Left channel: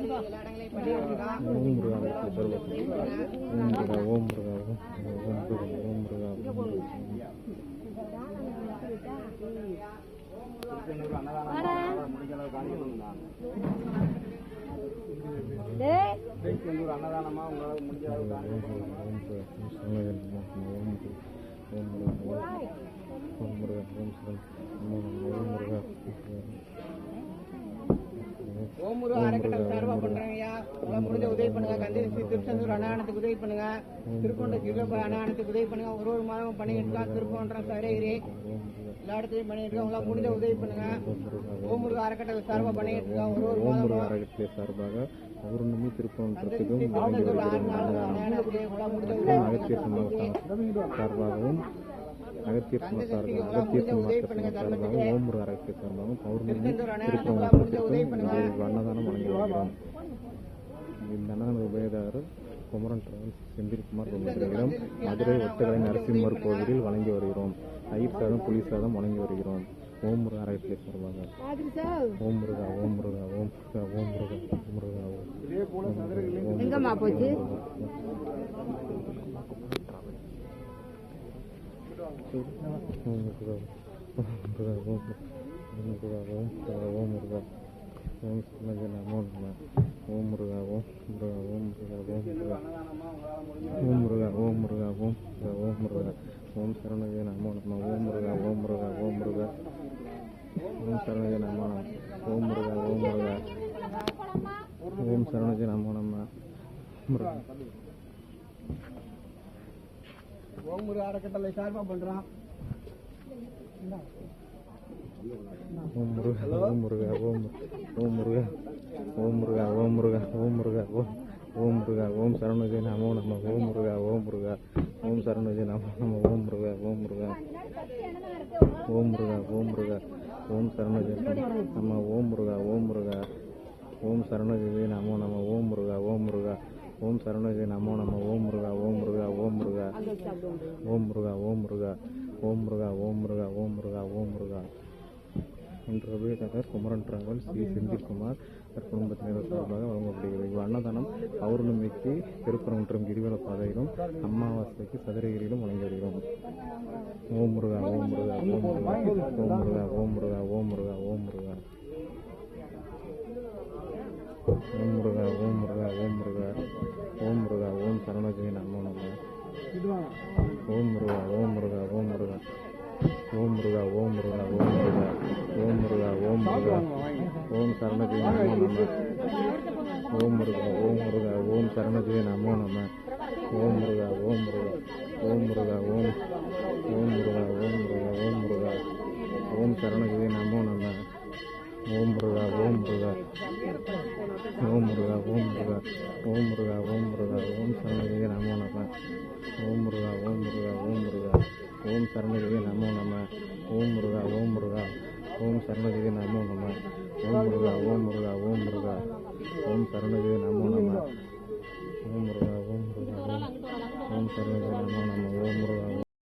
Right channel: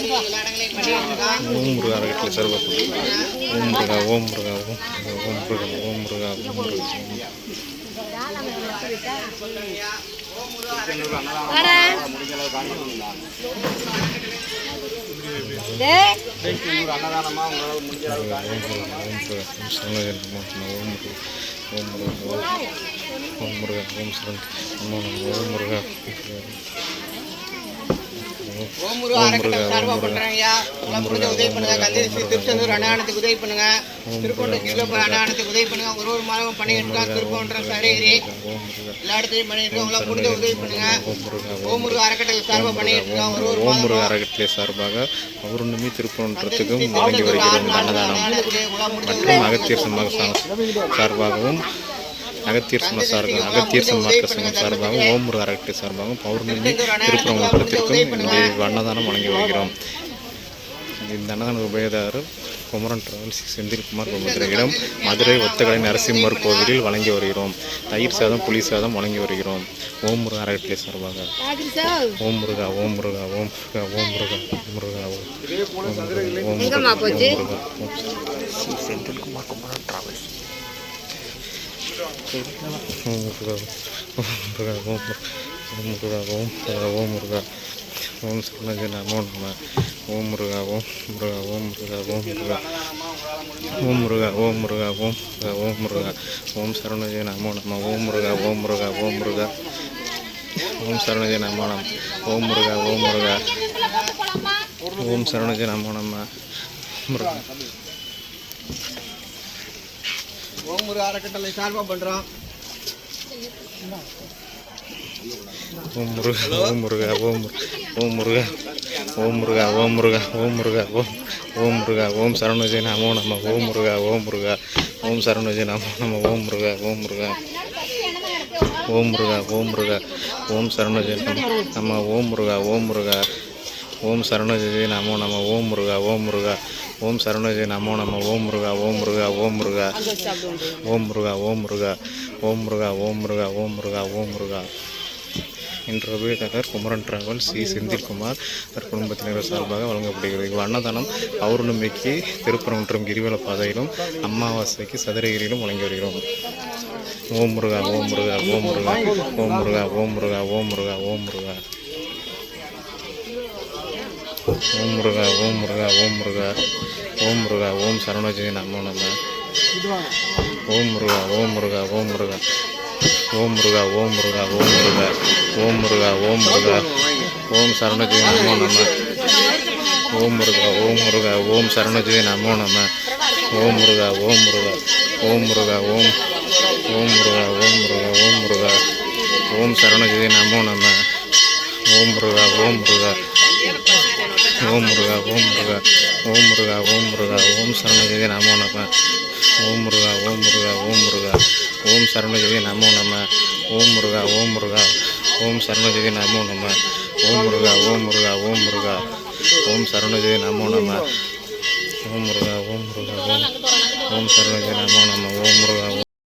ஓம் முருகா. அறக்கட்டளை சார்பாக ஓம் முருகா ஓம் முருகா ஓம் முருகா ஓம் முருகா ஓம் முருகா ஓம் முருகா. ஓம் முருகா. ஓம் முருகா ஓம் முருகா ஓம் சரணகன் ஓம் முருகா ஓம் முருகா ஓம் சரண் ஓம் முருகா ஓம் முருகா அறக்கட்டளை சார்பாக பண்ணுறாங்கய்யா உங்களால் முடிஞ்ச உதவி பண்ணுங்க. கந்தேசி திருச்செந்தூர் அன்னதானத்துக்கு உதவி பண்ணுங்க. திருக்கொண்ட கிலோப அன்னதானத்துக்கு உதவி பண்ணுங்க. ஒரு ஒரு மாதம் பண்ணிட்டு இருக்கோம் திருப்போன்ற சரகிரி. எல்லா இடத்துலையும் பண்ணிட்டு இருக்கோம் உங்களால் முடிஞ்ச உதவி பண்ணுங்க. ஓம் முருகா ஓம் முருகா அறக்கட்டளை சார்பாக பண்ணிட்டு இருக்கோம் ஒரு ஒரு மாதம் அறக்கட்டளை சார்பாக பௌர்ணமி திருப்பணத்துக்கும் வழங்கி வருகிறோம் அன்னதானம் மற்றும் சமூக சார்பாகவும் அகத்தியர் சம சார்பாக அகத்தியர் சன்மார்க்க சங்கம் சார்பாகவும் ஓம் முருகா அறக்கட்டளை சார்பாகவும் பௌர்ணமி திருப்பரங்குன்றத்திற்கும் இங்கே அன்னதானம் வழங்கி வருகிறோம். இந்த அன்னதான உபயதாரர் குமரன் டிராவல்ஸ் செந்தில்குமார் குமர இடம் மதுரை ஒத்தக்கடை நரசிம்மர் கோவிலில் வழங்கி வருகிறோம். தயிர் சாதம் புளி சாதம் வழங்கி வருகிறோம். ஓம் முருகா அறக்கட்டளை சார்பாக. ஓம் முருகா ஓம் முருகா ஓம் முருகா ஓம் முருகா ஓம் முருகா ஓம் முருகா ஓம் செந்தில்குமார் குமரன் டிராவல்ஸ் முருகா ஓம் முருகா ஓம் முருகா ஓம் முருகா ஓம் முருகா ஓம் சரணஜ நமோ நம ஓம் முருகா ஓம் முருகா ஓம் முருகா ஓம் முருகா ஓம் முருகா ஓம் முருகா ஓம் முருகா ஓம் முருகா ஓம் சரணஜ நமோ நம ஓம் முருகா ஓம் முருகா ஓம் முருகா ஓம் சரணஜ நமோ நம ஓம் முருகா ஓம் முருகா ஓம் சரணஜ நமோ நம முருகா ஓம் முருகா அறக்கட்டளை சார்பாக பண்ணுறோம் ஓம் முருகா ஓம் முருகா ஓம் முரு- ஓம் முருகா ஓம் முருகா ஓம் முருகா ஓம் முருகா ஓம் ஓம் முருகா ஓம் சரணஜி நமோ நம்ம ஓம் முருகா ஓம் முருகா ஓம் சரணஜி நமோ நம்ம ஓம் முருகா ஓம் முருகா ஓம் முருகா ஓம் முருகா ஓம் சரணஜி நம்ம ஓம் முருகா ஓம் முருகா ஓம் சரணஜி நமோ நம ஓம் முருகா ஓம் முருகா ஓம் சரணஜி நமோ நம ஓம் முருகா ஓம் முருகா ஓம் முருகா ஓம் முருகா ஓம் முருகா ஓம் முருகா ஓம் முருகா ஓம் முருகா ஓம் முருகா என்ற உபயதாரர் குமரன் டிராவல் சி செந்தில்குமார் அவர் குடும்பத்தினர் சார்பாக வழங்கப்படுகிறது இவ் அன்னதானம் பௌர்ணமிக்கு மற்றும் கிரிவல பாதையிலும் அமாவாசைக்கு சதுரகிரியிலும் வழங்கி வருகிறோம் ஓம் முருகா ஓம் முருகா ஓம் முருகா ஓம் முருகா ஓம் முருகா ஓம் முருகா ஓம் முருகா ஓம் முருகா ஓம் முருகா ஓம் முருகா ஓம் முருகா ஓம் சரணஜி நம்ம நம்ம. ஓம் முருகா ஓம் முருகா ஓம் முருகா ஓம் முருகா ஓம் முருகா ஓம் முருகா ஓம் முருகா ஓம் முருகா ஓம் சரணஜி நமோ நம்ம ஓம் முருகா ஓம் முருகா ஓம் சரணஜி நமோ நம்ம. ஓம் முருகா ஓம் முருகா ஓம். முருகா ஓம் ஓம் முருகா ஓம் முருகா ஓம் முருகா ஓம் சரணஜி நமோ நம்ம. ஓம் முருகா ஓம் முருகா ஓம் முருகா ஓம் முருகா ஓம் முருகா ஓம் முருகா ஓம் சரணஜெய நமோ நம ஓம் முருகா ஓம் முருகா ஓம் முருகா ஓம் சரணஜெய நமோ நம ஓம் முருகா ஓம் முருகா ஓம் சரணஜெய நமோ நம ஓம் முருகா ஓம் முருகா ஓம் முருகா ஓம் சரணஜெய நமோ நம ஓம் முருகா ஓம் முருகா ஓம் ஓம் சரணஜெய நமோ நம ஓம் முருகா